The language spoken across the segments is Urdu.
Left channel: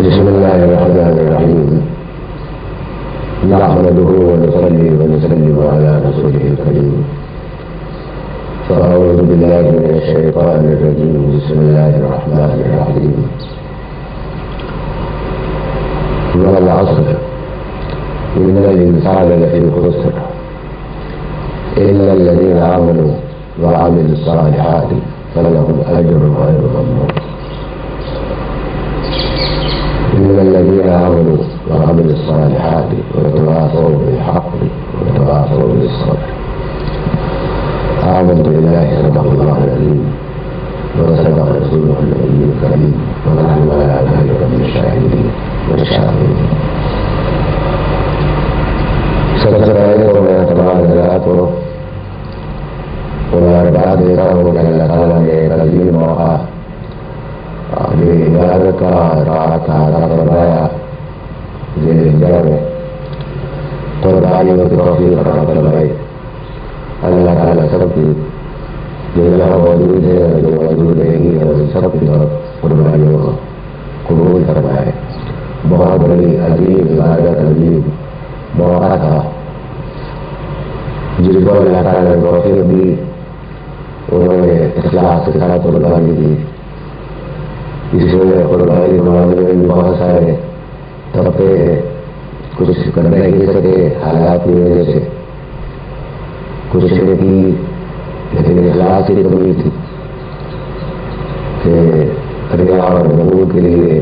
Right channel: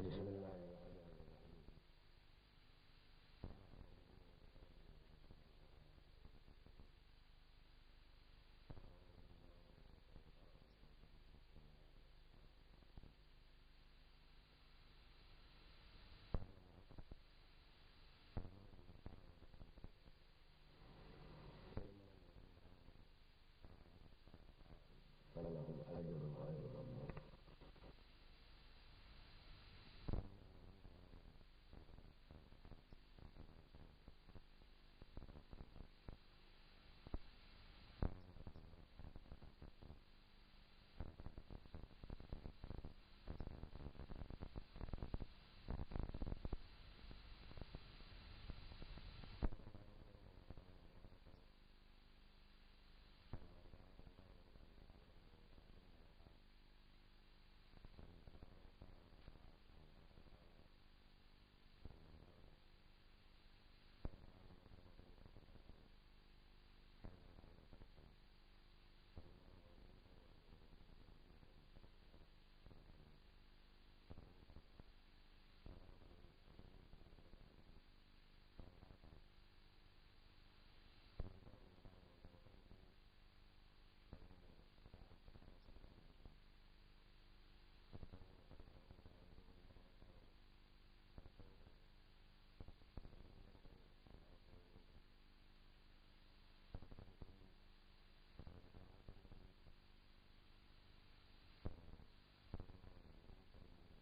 بسم الله الرحمن الرحيم. نحمده ونصلي ونسلم على رسوله الكريم. فأعوذ بالله من الشيطان الرجيم. بسم الله الرحمن الرحيم. والعصر إن الإنسان لفي خسر إلا الذين آمنوا وعملوا الصالحات فلهم أجر غير ممنون. إن الذين آمنوا وعملوا الصالحات وتواصوا بالحق وتواصوا بالصبر. آمنت بالله صدق الله العظيم وصدق رسوله النبي الكريم ونحن على ذلك من الشاهدين والشاهدين. سب سے پہلے تو میں تمام حضرات کو مبارکباد دیتا ہوں کہ اللہ تعالیٰ نے ایک عظیم موقع اپنی عبادت کا رات کا عطا فرمایا. ذیل جڑ میں قربانیوں کی توفیق عطا فرمائی. اللہ تعالیٰ سب کی جو یہاں موجود ہے اور جو موجود رہے گی اور سب کی قربانیوں کو قبول فرمائے. بہت بڑی عظیم عبادت عظیم موقع تھا جس کو اللہ تعالیٰ نے توفیق دی. انہوں نے اخلاص کے ساتھ قربانی دی. اس میں قربانی کے معاملے میں بھی بہت سارے طبقے ہیں. کچھ کرنے نہیں سکے حالات کی وجہ سے, کچھ نے کی لیکن اخلاص کی کمی تھی کہ ریا اور نبوت کے لیے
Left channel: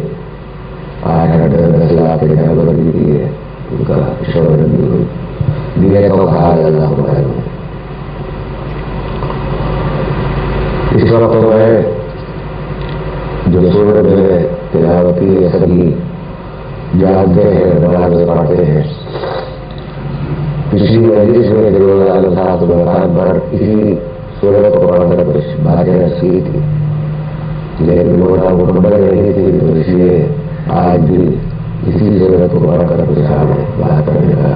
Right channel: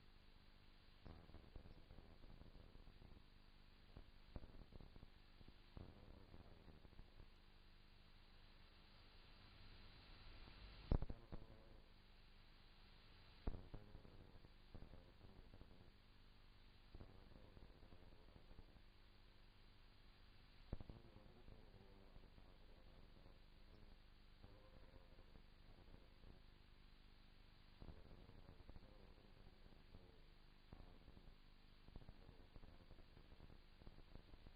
8-10 لاکھ بندی کی ہے. ان کا شور دیے تو حال اللہ معلوم. اس وقت میں جو سورت میں تلاوتی سبھی جانتے ہیں نماز پڑھتے ہیں. پچھلی مجلس میں بر اسی سورت کو پڑھ کر کچھ باتیں سیکھی تھی لیکن موٹا مکمل نہیں تھی, تو اس لیے آج بھی اسی سورت کو پڑھ کر کچھ آگے بات کرنے کا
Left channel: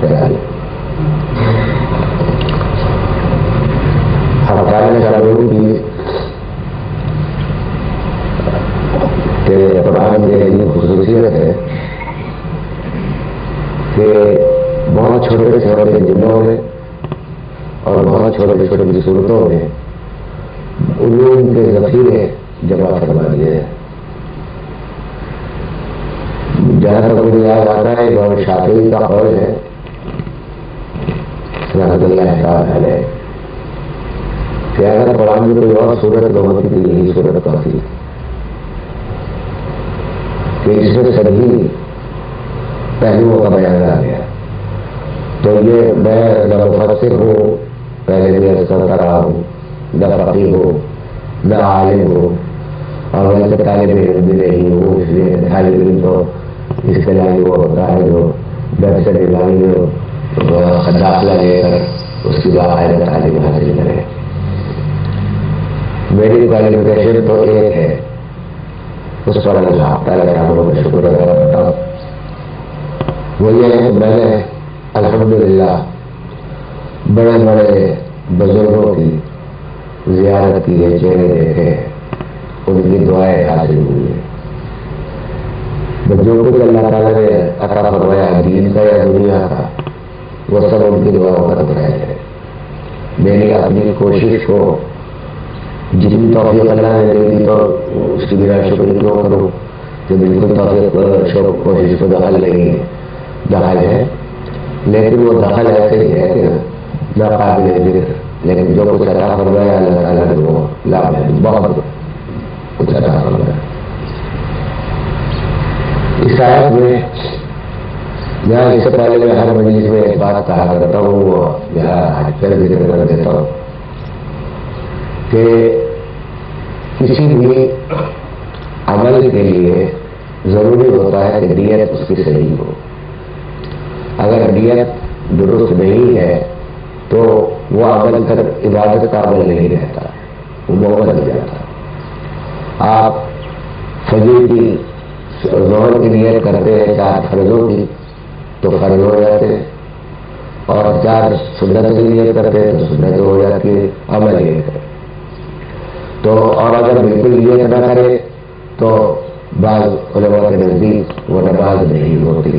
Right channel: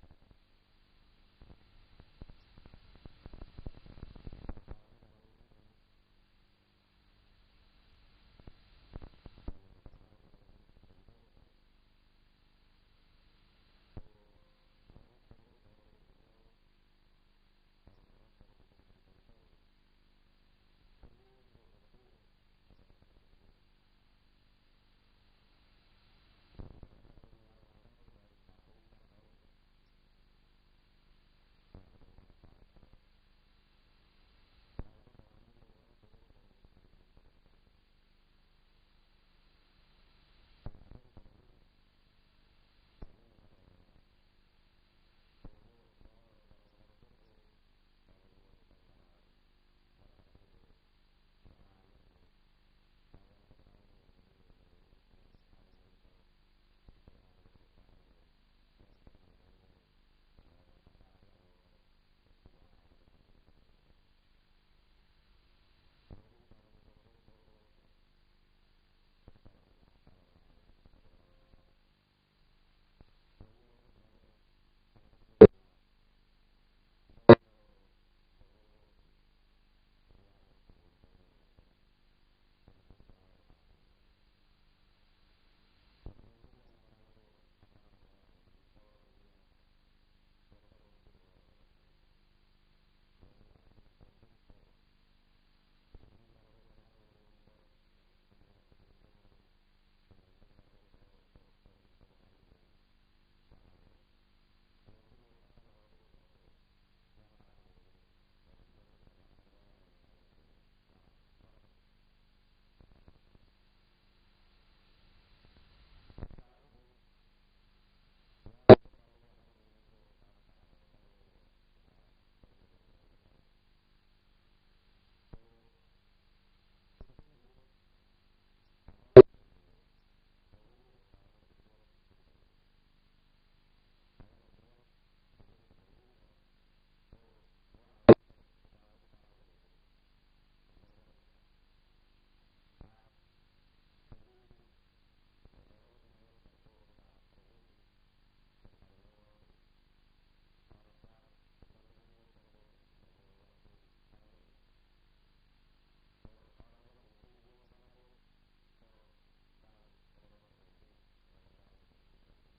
خیال ہے. ہم چالوں کی قرآن کی ایسی خصوصیت ہے کہ بہت چھوٹے چھوٹے جملوں میں اور بہت چھوٹے چھوٹے صورتوں میں علوم کے ذخیرے جمع کروا دیے ہیں. جہاں تک مجھے یاد آتا ہے امام شافعی کا قول ہے رحمۃ اللہ علیہ کہ اگر قرآن میں کوئی اور صورت نہ ہوتی تو یہی صورت کافی کہ اس میں سبھی پہلوؤں کا بیان آ گیا. تو یہ میں نہ مفسر ہوں, پہلے بھی ایسا کرا ہوں, نہ فقیہ ہوں, نہ عالم ہوں, اور ویسے طالب علم بھی نہیں ہوں. اس لیے طالب علم تو اس کے لائن وہ ہوتا ہے جو درس لائن داخلہ لے کر اس کی باقاعدہ تعلیم حاصل کرے. میری کوالیفیکیشن تو ایک ہے, اس پر اللہ تعالیٰ کا شکر ادا کرتا ہوں. وہ یہ ہے میں نے الحمدللہ بڑے بڑے بزرگوں کی زیارت کی ہے, چہرے دیکھے, ان کی دعائیں حاصل ہوئی ہیں. جو کچھ اللہ تعالیٰ نے عطا فرمایا دین کا یا دنیا کا وہ سب ان کی دعاؤں کا دعا ہے. میری اپنی کوشش کو جتنی توفیق اللہ نے دے دی تو اس کی میرا شکر کیوں کروں کہ بالکل توفیق کوشش کو دخل دخل ہے, لیکن وہ دخل ایسے ہی ہے کہ ناقابل ذکر. لیکن جو کچھ عطا فرمایا اللہ تعالیٰ نے وہ لابھ ہے, بہت کچھ عطا فرمایا. اس آیت میں یہاں اس سے پہلے میں ہر مجلس میں ایک بات کہا کرتا ہوں, وہ یہاں پھر ذکر کر دیتا ہوں کہ کسی بھی عمل کے لیے ضروری ہوتا ہے کہ نیت اس کی صحیح ہو. اگر نیت درست نہیں ہے تو وہ عمل کر عبادت کا عمل نہیں رہتا, وہ موقع لگ جاتا. آپ فجر کی ظہر کی نیت کرتے ہیں 4 فرضوں کی تو فرض ہو جاتے ہیں, اور 4 سنت کی نیت کرتے ہیں تو سنت ہو جاتی ہے, عمل یہ ہے. تو اور اگر بالکل نیت نہ کرے تو بعض علماء کے نزدیک وہ نماز نہیں ہوتی.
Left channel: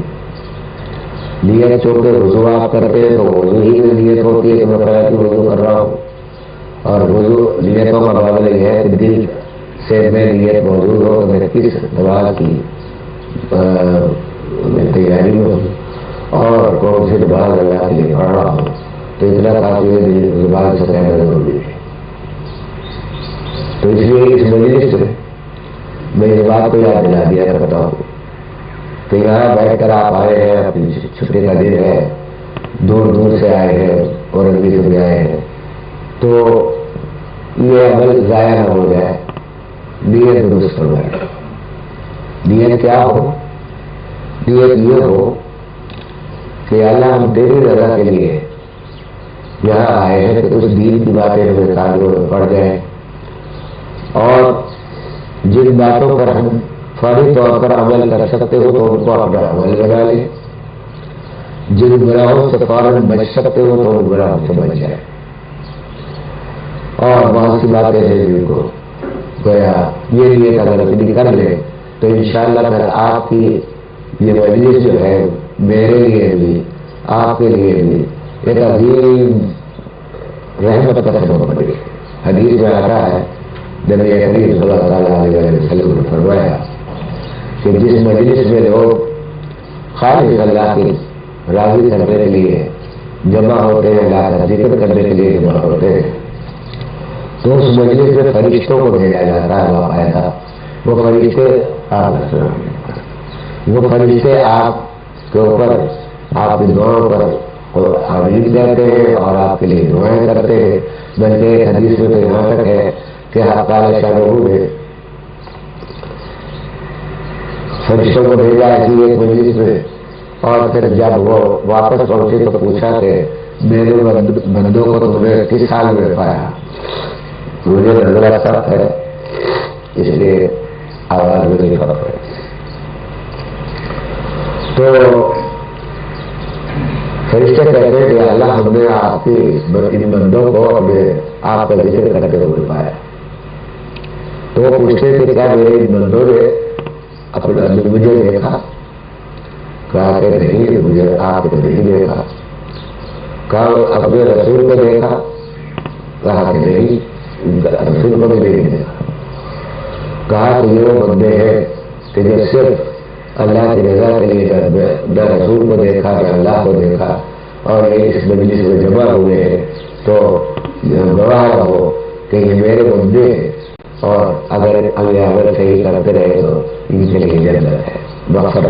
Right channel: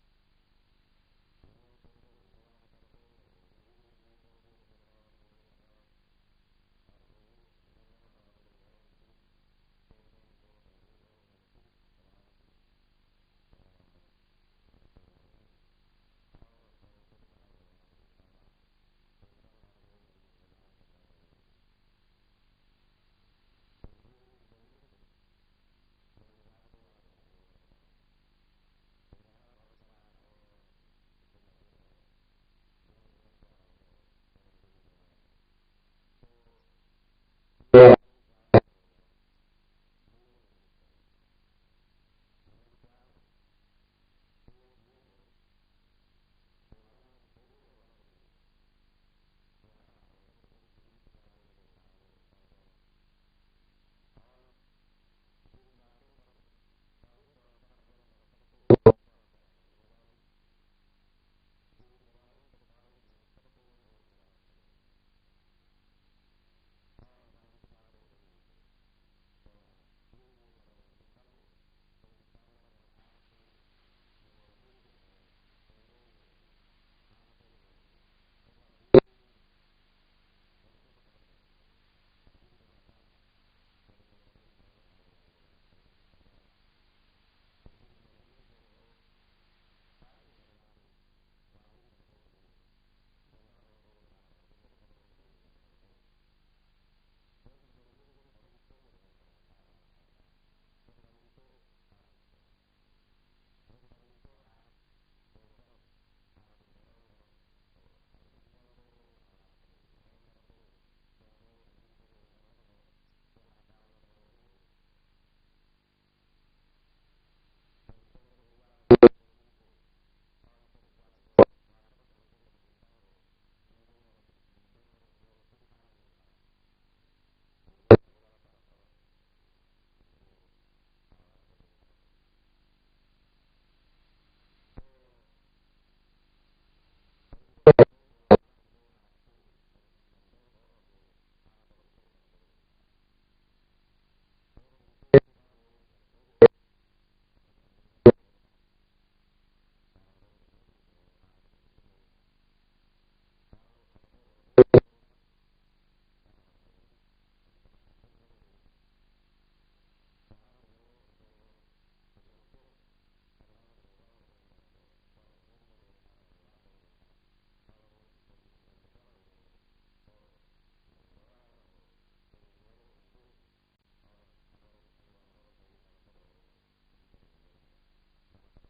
نیت چونکہ وضو آپ کرتے ہیں تو وضو ہی میں نیت ہوتی ہے کہ میں قرآن کی وضو کر رہا ہوں، اور وضو نیتوں کا معاملہ یہ ہے کہ دل سے میں نیت موجود ہو کہ میں کس نماز کی تیاری میں ہوں اور کون سی نماز اللہ کے لیے پڑھ رہا ہوں، تو اتنا کافی ہے زبان سے کہنا ضروری ہے. تو اس لیے اس مجلس سے میں اس بات کو یاد دلا دیا کرتا ہوں کہ یہاں بیٹھ کر آپ آئے ہیں، اپنی چھٹی کا دن ہے، دور دور سے آئے ہیں اور ابھی سے بھی آئے ہیں، تو یہ عمل ضائع نہ ہو جائے. نیت درست ہو جائے. نیت کیا ہو؟ نیت یہ ہو کہ اللہ ہم تیری رضا کے لیے یہاں آئے ہیں کہ اس دین کی باتیں ہمیں کانوں میں پڑ جائیں، اور جن باتوں پر ہم فوری طور پر عمل کر سکتے ہو تو ان کو اپنا عمل بنا لیں، جن گناہوں سے فوراً بچ سکتے ہو تو ان گناہوں سے بچ جائے. اور بہت سی باتیں ہیں جن کو گویا یہ نیت اگر اپنی کر لے تو انشاءاللہ پھر آپ کی یہ مجلس جو ہے میرے لیے بھی آپ کے لیے بھی ایک عظیم رحمت کا سبب بنے گی. حدیث میں آتا ہے نبی کریم صلی اللہ علیہ وسلم نے فرمایا کہ جس مجلس میں لوگ خالص اللہ کی راضی کرنے کے لیے جمع ہوتے ہیں، اللہ کا ذکر کرنے کے لیے جمع ہوتے ہیں، تو اس مجلس میں فرشتوں کو بھیجا جاتا ہے. باقاعدہ وہ فرشتے آپ کے اوپر آپ کی دعاؤں پر آمین کہتے ہیں اور آپ کے لیے دعائیں کرتے ہیں. بلکہ ایک حدیث میں تو یہاں تک ہے کہ تعالیٰ شاہ نے فرشتوں کو بھیجا اسی ایک مجلس میں، اور پھر جب وہ واپس پہنچے تو پوچھا کہ میرے بندوں کو تم نے کس حال میں پایا؟ مجھے نظر فرق ہے اس لیے آواز میں نہیں فرق ہے. تو فرشتے کہتے ہیں کہ اللہ ہم نے آپ کی ان بندوں کو ہمیں آپ کا ذکر کرتے ہوئے پایا. تو وہ پوچھتے ہیں کہ کیا میرے ان بندوں نے اپنا مجھے دیکھا؟ کہا کہ نہیں، مجھے آپ کو نہیں دیکھا. کہا اپنے رسول کو دیکھا؟ کہا کہ نہیں، رسول کو بھی نہیں دیکھا. کہا کہ یہ وہ بندے ہیں کہ جو صرف اللہ کی رضا کے لیے نہ رسول کو دیکھا نہ اللہ کو دیکھا، اور یہ اس مجلس میں جمع ہوئے ہیں، تو گواہ رہو کہ یہ میرے بندے ہیں، اور اگر عمل صحیح کرتے رہے تو ان کے لیے جنت ہے. مقصد